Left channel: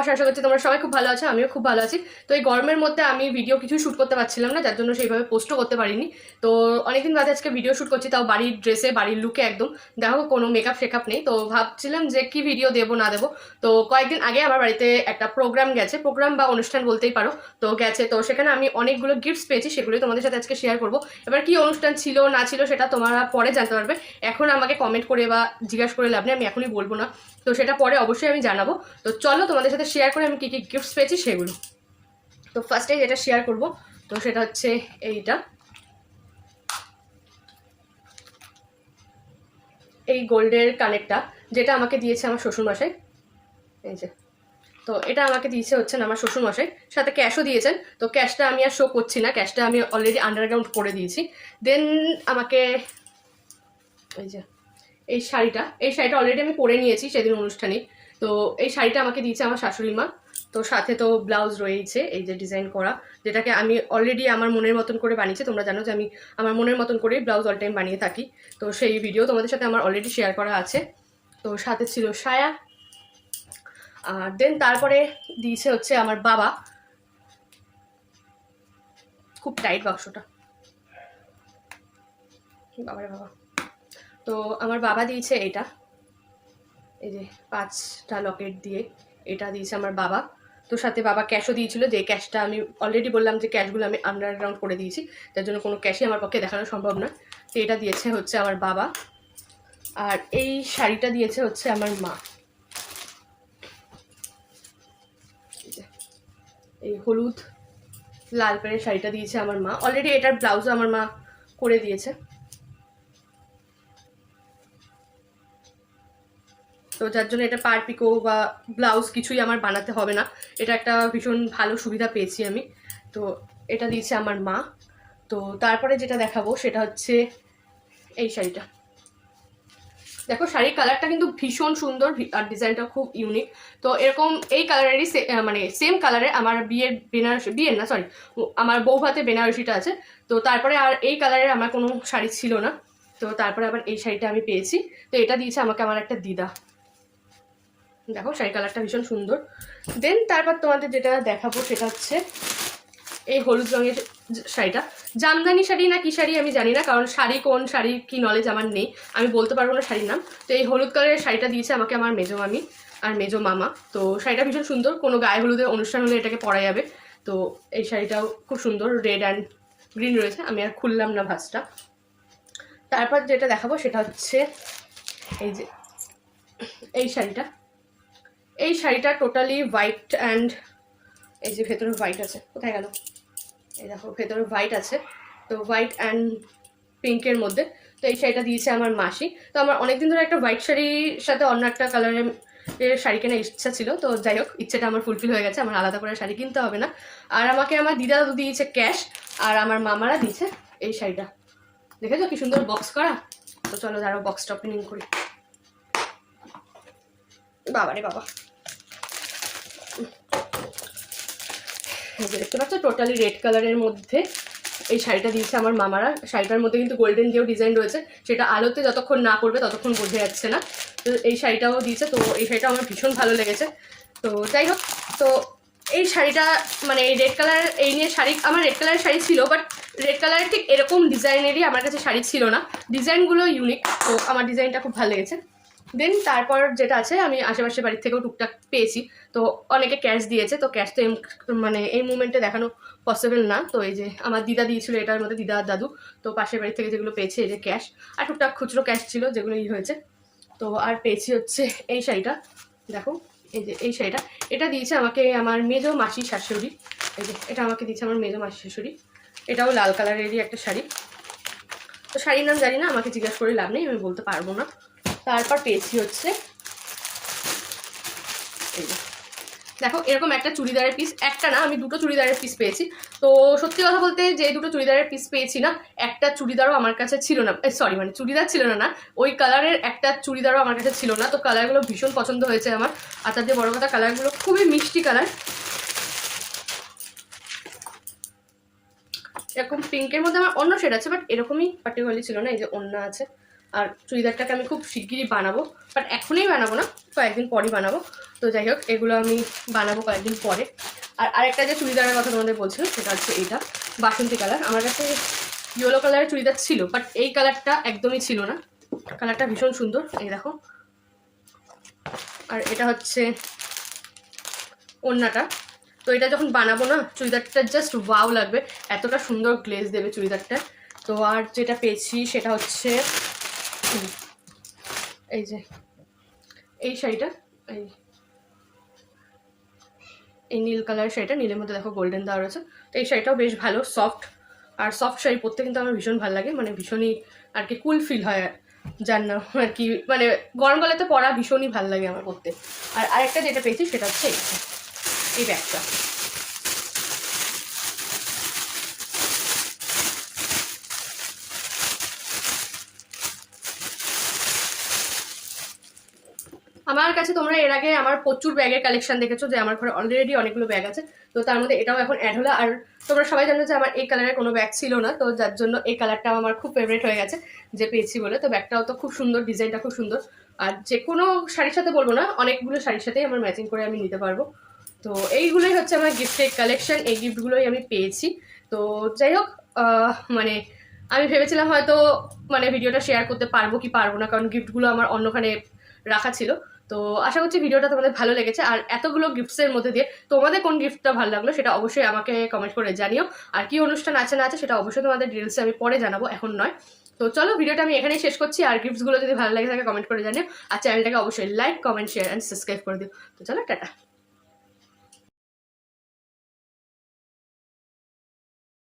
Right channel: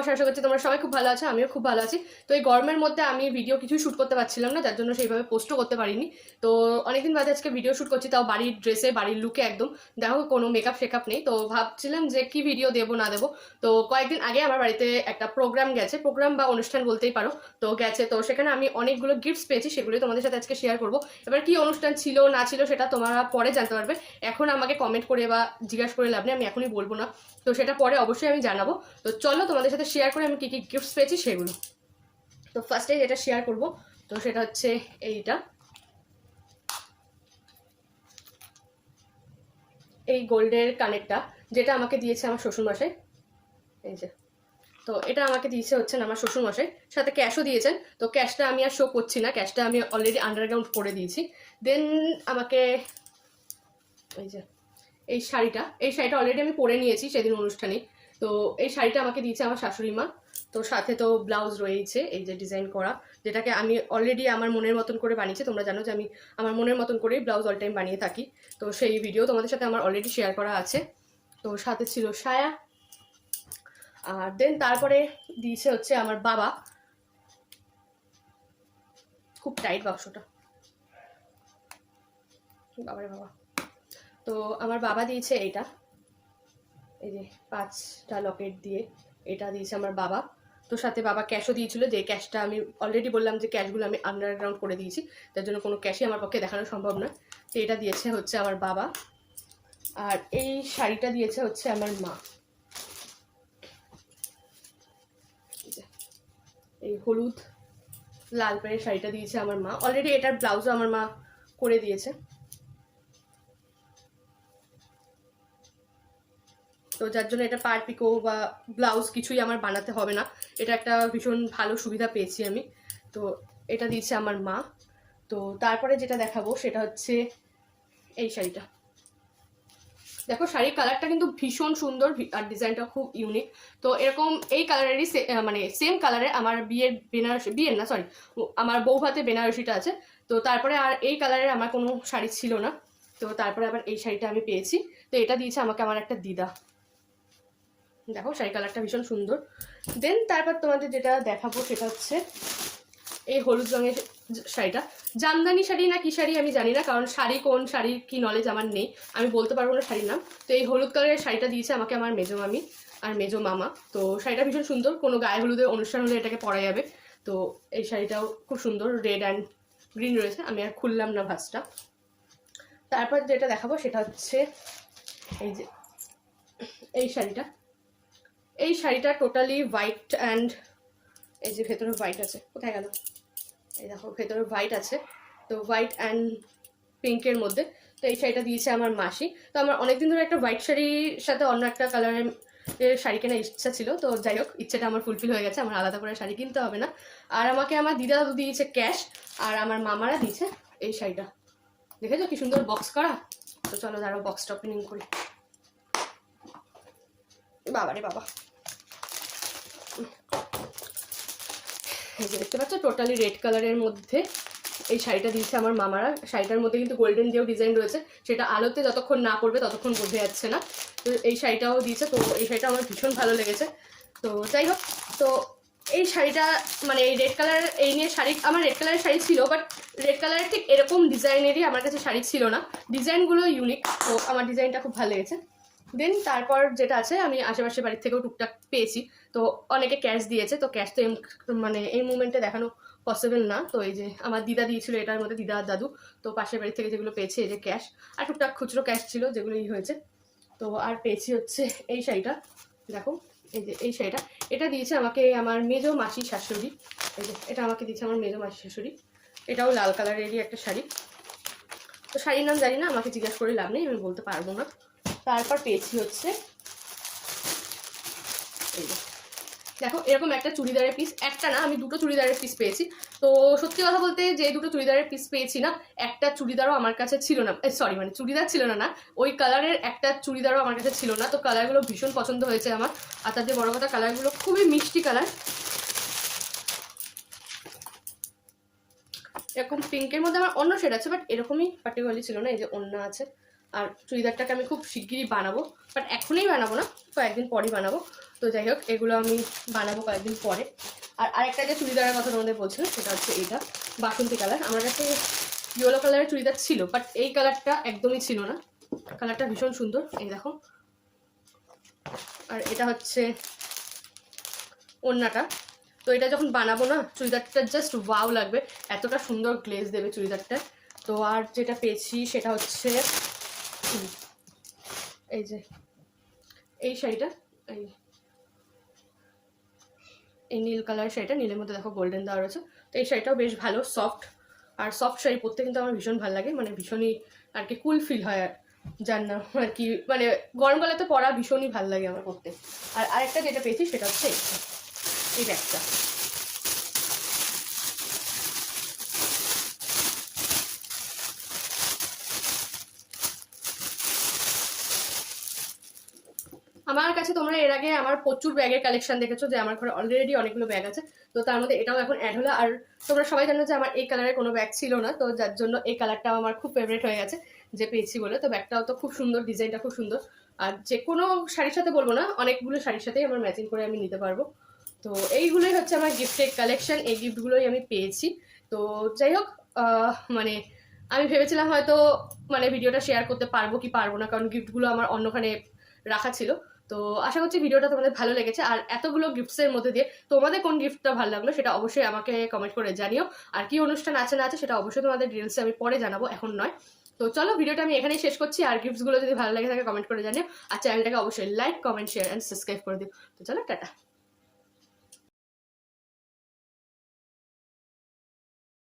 নমস্কার আশা করছি তোমরা সবাই খুব ভালো আছো, আমিও খুব ভালো আছি। তো এই গরমের মধ্যে আমি ভিডিও কিছু শ্যুট করতে পারছিলাম না, যার জন্য সেইভাবে পোস্টও করতে পারিনি। তো অনেকদিন বাদে আজকে ভিডিও শ্যুট করছি, তাও বাড়ির ড্রেসে বাড়ির লুকে একদম। দেখো কোনো মেকআপ শেকআপ নেই। তো ভাবছিলাম যে কি ভিডিও দেবো, না দেবো। তো কয়েকদিন আগে আমার বাড়িতে একটা প্রোগ্রাম গেছে প্রোগ্রাম বা অনুষ্ঠান বলতেই পারো। তো গেছে, তো সেখানে আমি অনেকগুলো গিফটস পেয়েছি, সেগুলো তোমাদের সাথে আজকে শেয়ার করব। এবার কি অনুষ্ঠান ছিল, না ছিল সেটা তোমরা পরে জানতে পারবে। এখন আমাকে কমেন্ট করে বা জিজ্ঞাসা করে লাভ নেই, আমি এখনই বলব না। তো সেটা পরে অবশ্যই আমি জানাব। তো চলো তোমাদের সাথে শেয়ার করে আমি কী কী গিফটস পেয়েছি সেগুলো। তো ফার্স্টে যেটা শেয়ার করব, তো সেটা হচ্ছে এইটা। এই গোল্ডের কানেরটা, যেটা আমাকে দিয়েছে আমার শ্বশুরমশাই। এই যে। তো এটা আমাকে দিয়েছে হচ্ছেন আমার শ্বশুরমশাই। সাথে ক্যাশও দিয়েছেন। তো ক্যাশটা আমি আর শো করছি না। ক্যাশটা আমি অলরেডি আন্ডারগ্রাউন্ড করে দিয়েছি। দেন আমাকে এই যে। এই শাড়িটা। এই শাড়িটা অলরেডি আমি পরে নিয়েছি সেদিন অনুষ্ঠানে। তো এই শাড়িটা আমাকে দিয়েছে আমার শাশুড়ি মা। তো সাথে তো ব্লাউজ রয়েছে এই যে ডিজাইন করা, যেটাকে আমি অলরেডি আমার মনের মতন করে বানিয়েছি। তোমরা জানো যে আমি আমার মনের মতন করেই ব্লাউজ অল টাইম বানিয়ে থাকি। তো সেই ভিডিও তোমাদের সাথে আমার অলরেডি শেয়ার করা আছে। তো সাথে ছিল সায়া। আর দেন তারপরে দিয়েছে হচ্ছে আমার বাবা। খুব টাইট বাক্সটা। বাবারে বাবা। তো আমার বাবা দিয়েছে এটা। এই যে পাঁচটা লকেট দিয়ে এটা দিয়েছে আমার বাবা। তো সাথে বাবা ক্যাশও দিয়েছিল, যে ক্যাশটা আমি অলরেডি বললাম যে ক্যাশগুলো আমি আন্ডারগ্রাউন্ড করে দিয়েছি। যার জন্য কোনো ক্যাশই আমার পক্ষে দেখানো সম্ভব না। তো এটা দিয়েছে হচ্ছে আমার বাবা। আর এই শাড়িটা দিয়েছে হচ্ছে আমার মা। এই হলুদ, লাল কালারের শাড়িটা দিয়েছে আমার মা। অলরেডি এটার ব্লাউজও আমার মা করে দিয়েছে। তো যার জন্য এটা পার পিকো বা ব্লাউজ কিছুই আমার বানাতে হবে না। এটা একটা ভীষণ ভালো সুবিধা পেয়েছি আমি। তো এটা দিয়েছে আমার মা। তো তারপরে যেটা দেখাবো সেটা হচ্ছে এই শাড়িটা। দেখো শাড়ির কালারটা কিন্তু ভীষণ সুন্দর আর ডিজাইনটা খুব ইউনিক তো এরকম এই কালারেরই মানে সেম কালারে আমার বিয়ের বেনারসি বিয়ের না সরি আমার বউ হাতে বেনারসিটা আছে। তো তারপরে আর এই কালারের আমার কোনো শাড়ি ছিল না। তো তারপরে আবার এই শাড়িটা আমি পেয়েছি। তো এটা দিয়েছে আমাকে আমার একটা দিদা। দেখো শাড়ি কালারটা ভীষণ সুন্দর। দেন তারপর তোমাদের যেটা দেখাবো সেটা হচ্ছে এই হলুদ রঙের শাড়িটা। জামদানি শাড়ি না কি শাড়ি আমি জানি না, কারণ শাড়ি কোন শাড়ির কি নলেজ আমার নেই। আমি বলতে পারব না শাড়ির নাম। তো এই হলুদ কালারের শাড়িটা দিয়েছে আমাকে আমার মেজো মামি আর মেজো মামা। তো শাড়িটা ভীষণ সুন্দর, কোনো গায়ে হলুদের অনুষ্ঠান হলে এটাকে পরা যাবে। তো এই শাড়িটাও খুব সুন্দর রেড অ্যান্ড গ্রিন রয়েছে। আমি আর খুললাম না ভাঁজটা। তারপর যেটা দেখাবো সেটা হচ্ছে এই যে এই শাড়িটা। এই শাড়িটা টোটালি হোয়াইট অ্যান্ড এই যে ভেতরে হোয়াইট আছে, কোথায় গেল? এই দেখো, ভেতরে হোয়াইট আছে, তো হোয়াইট অ্যান্ড পিঙ্কের মধ্যে। তো এই শাড়িটা দিয়েছে আমার মাসি। তো আমার অনেকদিন ধরে একটা হোয়াইট শাড়ির সাথে অন্য একটা কালারের শাড়ি কেনার ইচ্ছা ছিল। তো যাই হোক, ইচ্ছেটা আমার ফুলফিল হয়ে গেছে, আমার আলাদা করে শাড়ি কিনতে হবে না। আর আমাকে আমার দিদা দিয়েছে ক্যাশ আর আমার মামারা দিয়েছে এই শাড়িটা। দেখেছ কি সুন্দর বক্স করা? তো চলো দাঁড়াও বক্সটা ওপেনিং করি। বাবারে বাবা। যে দেখতে পাচ্ছ? টোটালি রেড কালারের মধ্যে এই শাড়িটা দিয়েছে আমার মামারা। শাড়িটার মধ্যে কিন্তু গোল্ডেন যেও ডিজাইন রয়েছে, সেটা আলোতে যতক্ষণ না করবে ততক্ষণ বোঝা যাচ্ছে না। তো এই শাড়িটাও দিয়েছে, তো এই শাড়িটা আমার ভীষণ ভালো লেগেছে। তো যাই হোক, তো এই শাড়িটা মানে এই রেড কালার এই নিয়ে শাড়ি, আমার রেড কালারের শাড়ি ছিল বাট রেড কালারের ঠিক এরকম ডিজাইনেরই আমার কাছে শাড়ি ছিল না। ডিজাইনগুলো ইউনিক তো আমার ডিজাইনটা খুব ভালো লেগেছে। দেন তারপর যেটা আছে, আমি আশেপাশে বাড়ির থেকেও টুকটাক পেয়েছি। তো অনেকে ক্যাশ দিয়েছে, তো ক্যাশ তো মানে এই মুমেন্টে দেখানো পসিবল না। তো এই যে আমার দিদা দিয়েছিল, এটার মধ্যে দিদা আর দাদু, তো পাশের বাড়ি থেকে যেগুলো পেয়েছে, এই যে ক্যাশ, আর টুকটাক খুচরো ক্যাশ ছিল যেগুলো ই হয়েছে। তো আর পেয়েছি হচ্ছে এই শাড়িটা, দেখো, এই যে এই শাড়িটা। এটা দিয়েছে আমাকে আমার মেজো মাসি শাশুড়ি, এই যে এটা আমাকে দিয়েছে আমার মেজো মাসি শাশুড়ি। এটাও লাল কালারেরই একটা শাড়ি। তো শাড়ির নাম জানি না, আমাকে জিজ্ঞাসা করে লাভ নেই, আমি বলতে পারব না। তারপর পেয়েছি হচ্ছে এই। দেখো, এরকম একটা চুড়িদারের পিস একটা না, আমি দুটো চুড়িদারের পিস পেয়েছি। তো সত্যি কথা বলতে যে দুটো চুড়িদারের পিস পেয়েছি না, একটা চুড়িদারও আমার কাছে ছিল না। সরি মানে চুড়িদার ছিল না না, ওই কালারের একটা চুড়িদারও আমার কাছে ছিল না। তো কালারগুলো ভীষণ পছন্দ হয়েছে আমার। আর যে বড় কথা কালারগুলো খুবই মিষ্টি কালার এরকম পিঙ্কের মধ্যে আমার অন্য শেড আছে বাট এরকমই পার্টিকুলারলি ছিল না, এই যে অন্য আছে। আর চুড়িদারটাকে আমি খুব শিগগিরই বানাবো বাট এখনই বানাবো না, কয়েকদিন পরই বানাবো। তো যাই হোক, এগুলো আমি বানাবো কয়েকদিন পরে। আর আরেকটা যে চুড়িদারের কথা তোমাদের বলছিলাম, সেটা হচ্ছে এইটা, বাসন্তী কালার। আমার কাছে ইয়েলো কালারের চুড়িদার ছিল বাট এই কালারটা একদমই ছিল না। কালারটা ভীষণ সুন্দর, এই দেখো। আর এটা হচ্ছে ওড়নাটা। তো এটা যখন বানাবো না, চুড়িদারটা জাস্ট ওয়াও লাগবে। এতটা সুন্দর গ্লেজ দেবে চুড়িদারটা। তো আর যেটা পেয়েছি, সেটা হচ্ছে এই যে, এই শাড়িটা, এই এই নীল কালারের শাড়িটা, নীলের মধ্যে দেখো গোল্ডেন দেওয়া রয়েছে তো এই শাড়িটাও বেশ ভালো সফট আর সফট শাড়ি পরতে কিন্তু আমার ভীষণ ভালো লাগে মানে ভীষণই আর কি কুল ফিল হয় জান না আর কি মানে গরমকালেতে পরা ভীষণই ভালো লাগে আমার পরতে। আর আরেকটা যেটা পেয়েছি সেটা হচ্ছে এই ব্যাগটা। আমার কাছে তোমরা এর আগে আমার প্রচুর ব্যাগের কালেকশন দেখেছ যে আমার ঘরে অলরেডি অনেকগুলো ব্যাগ আছে। তো তার মধ্যে এটাও এখন অ্যাড হলো। আর তোমরা সবাই জানো যে আমার এই কালারের কোনো ব্যাগ ছিল না। তো যার জন্য এই কালারটাও আমার খুব ফেভারিট হয়ে গেছে যে পেয়েছি বলে। তো ব্যাগটাও তো খুব সুন্দর ডিজাইনটা খুব সুন্দর। আর যে কোনো শাড়ির সাথে বলব না, অনেকগুলো শাড়ির সাথেই আমার ম্যাচিং করে আমি নিতে পারব। তো এইগুলোই হচ্ছে আমার গিফটের কালেকশন এই গিফটগুলোই আমি পেয়েছি। তো যাই হোক মানে আমি ভেবেছিলাম হয়তো মানে ভিডিওটা শেয়ার করতে পারব কি পারব না, কারণ গিফটগুলো আমার অন্যখানে রাখা ছিল। তো আশা করছি ভিডিওটা তোমাদের ভালো লেগেছে। আর এতগুলো গিফটসের মধ্যে দিয়ে তোমাদের কোন গিফটটা ভালো লাগল সেটা অবশ্যই আমাকে কমেন্ট করে জানিও। আর কি অনুষ্ঠান আছে না আছে সেটা অবশ্যই তোমাদের ডিটেলসে আমি পরে জানাব, এখন নয়। তো চলো ভিডিওটা আমি এখানেই শেষ করছি। আর গিফটসগুলো যদি ভালো লাগে তাকে কমেন্ট করে জানিও। আর চ্যানেলটাকে অবশ্যই like comment share and subscribe করে দিও। তো চলো, টাটা।